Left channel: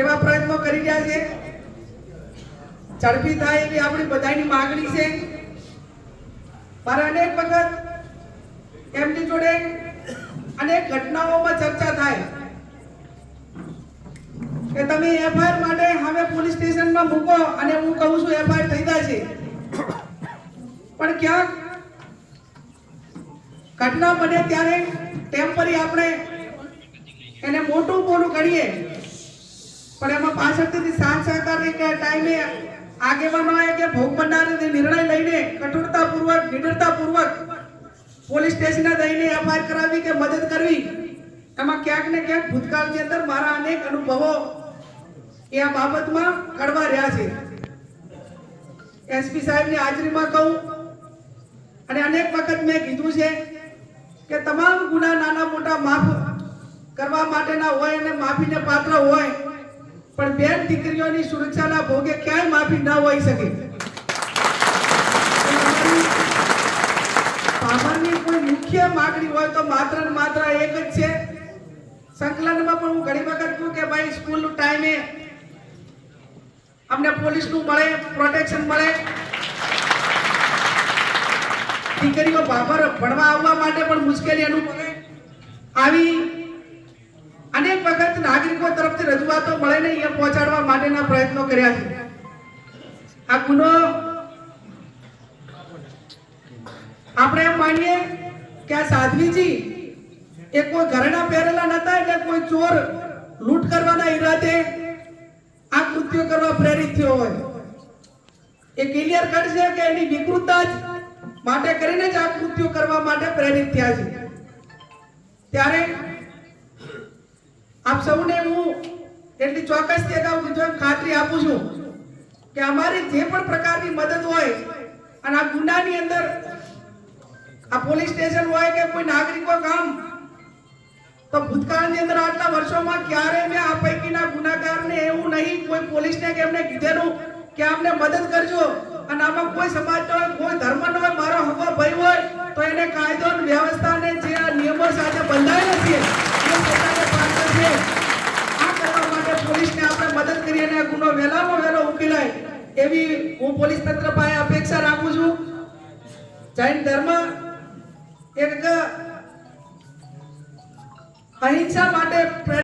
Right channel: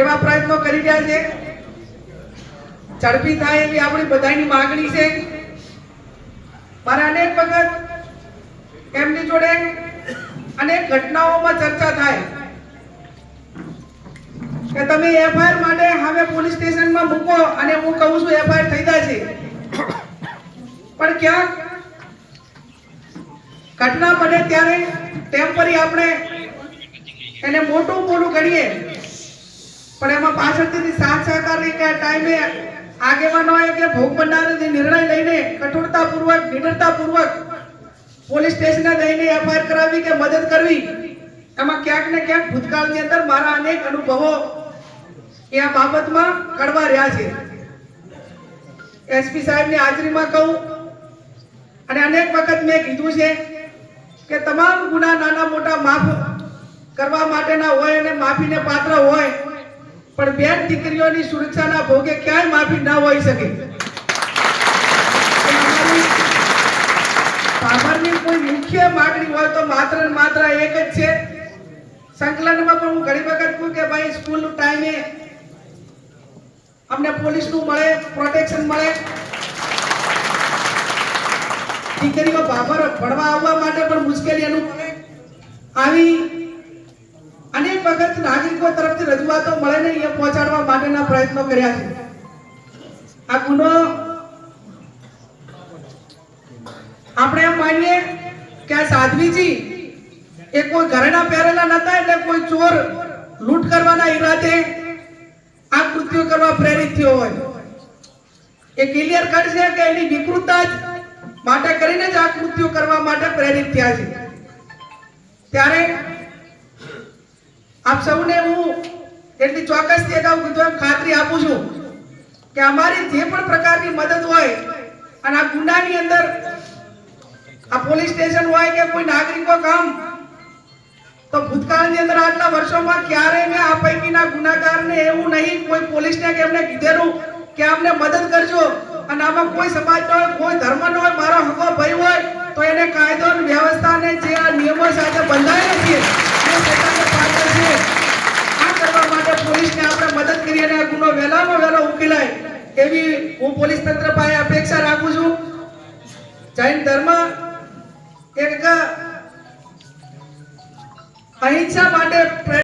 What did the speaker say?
એવા પ્રયત્નો કરી રહ્યા છે। ઝડપી થાય એવી આપણી બધાની માંગણી છે। મારે અનેક વખત એમની જોડે અનેક ઘટનાઓમાં ચર્ચા થાય કે તમે એફઆઈઆર માટે હવે પોલીસ સ્ટેશનમાં મૂકો, અને હું કહું છું એફઆઈઆર થઈ જાય છે, પણ ક્યાંક ઘટના બને ત્યારે ટેમ્પરરી આપણે એને મોટું ગણીએ, પણ એમાં પાછળથી સાથ સહકારની કે ટાઈમે આગેવાનોએ કે ભોગ બનનારે નિર્ણય લઈને કઠોરતાપૂર્વક નિડરતાપૂર્વક પોલીસ સ્ટેશને જઈને એફઆઈઆર કરાવી કે મદદ કરવી, એમાં ક્યાંક ને ક્યાંક ભૂતકાળની અંદર મારા અનેક અનુભવો એ આ બાબતમાં કડવા રહ્યા છે। એસપી સાહેબની હાજરીમાં કહું અને અનેક વખત મેં કીધું છે કે તમામ ગુના નાના મોટા માફ કરવા માટેના હોય અને માફીને પાત્ર હોય, પણ બેન દીકરીઓની સુરક્ષાના ભોગે ક્યાંય માફી ના હોઈ શકે। સામાન્ય કોઈ મુખ્ય માંગણી હોય તો માત્ર ને માત્ર એક જ છે। સંકલનમાં પણ હું ઘણી વખત કહું કે ભાઈ સ્કૂલનું ટાઈમે અમને પોલીસનું મળે, પ્રોટેક્શન મળે, દીકરીઓ બાબર ભણવા આવવા માટે પણ મુશ્કેલી અનુભવે, આવી અનેક વખત નાગરિકો તરફથી રજૂઆતો મળે ને એ પહોંચાડવા માટેના પ્રયત્નો કર્યા છે। આ ગુનો આપણે એમ માનીએ કે આ સાધ્વીજી એ કોઈ ઘરેણા પહેરેલા નતા, એટલે કોઈ ચોર લૂંટ કરવાના ઈરાદે આ કૃત્યો કરવા પ્રેરિત થયો હોય, એ ક્લિયર કટ છે કે એની વિકૃતતા જ માટે કરીને જ આ કૃત્યો કરવા માટે પ્રેરિત થયા છે। ત્યારે આપ સૌને હું એટલી ચોક્કસથી અગાઉ કીધું એમ ખાતરી આપું છું કે અમારી જે પણ પ્રકારની મદદ હોય અને આ ગુનાની અંદર આ પોલીસ સ્ટેશન હોય કે કોઈ નાગરિકો કામ, તો ભૂતકાળની અંદર આટલા વર્ષોમાં ક્યારે મેં આ પૈકીના ગુનાગારને એવું નહીં કોઈ પોલીસને કે એમને કીધેલું કે અમને મદદ કરજો, અને આમાં કોઈ સમાજનો હોય, કોઈ ધર્મનો હોય, મારો હકો ભાઈ હોય તો એને કાયદો અને વ્યવસ્થાને જે આ નિયમો સાથે બંધાયેલા છે એ પોતાને પાત્ર છે। આ કરવા માટે પોલીસને આપણે મદદ કરી અને આ ગુનો વહેલામાં વહેલો ઉકેલાય એવી હું પોલીસ તંત્ર પાસે અપેક્ષા રાખું છું। જૈન ધર્મ એક અહિંસા માટે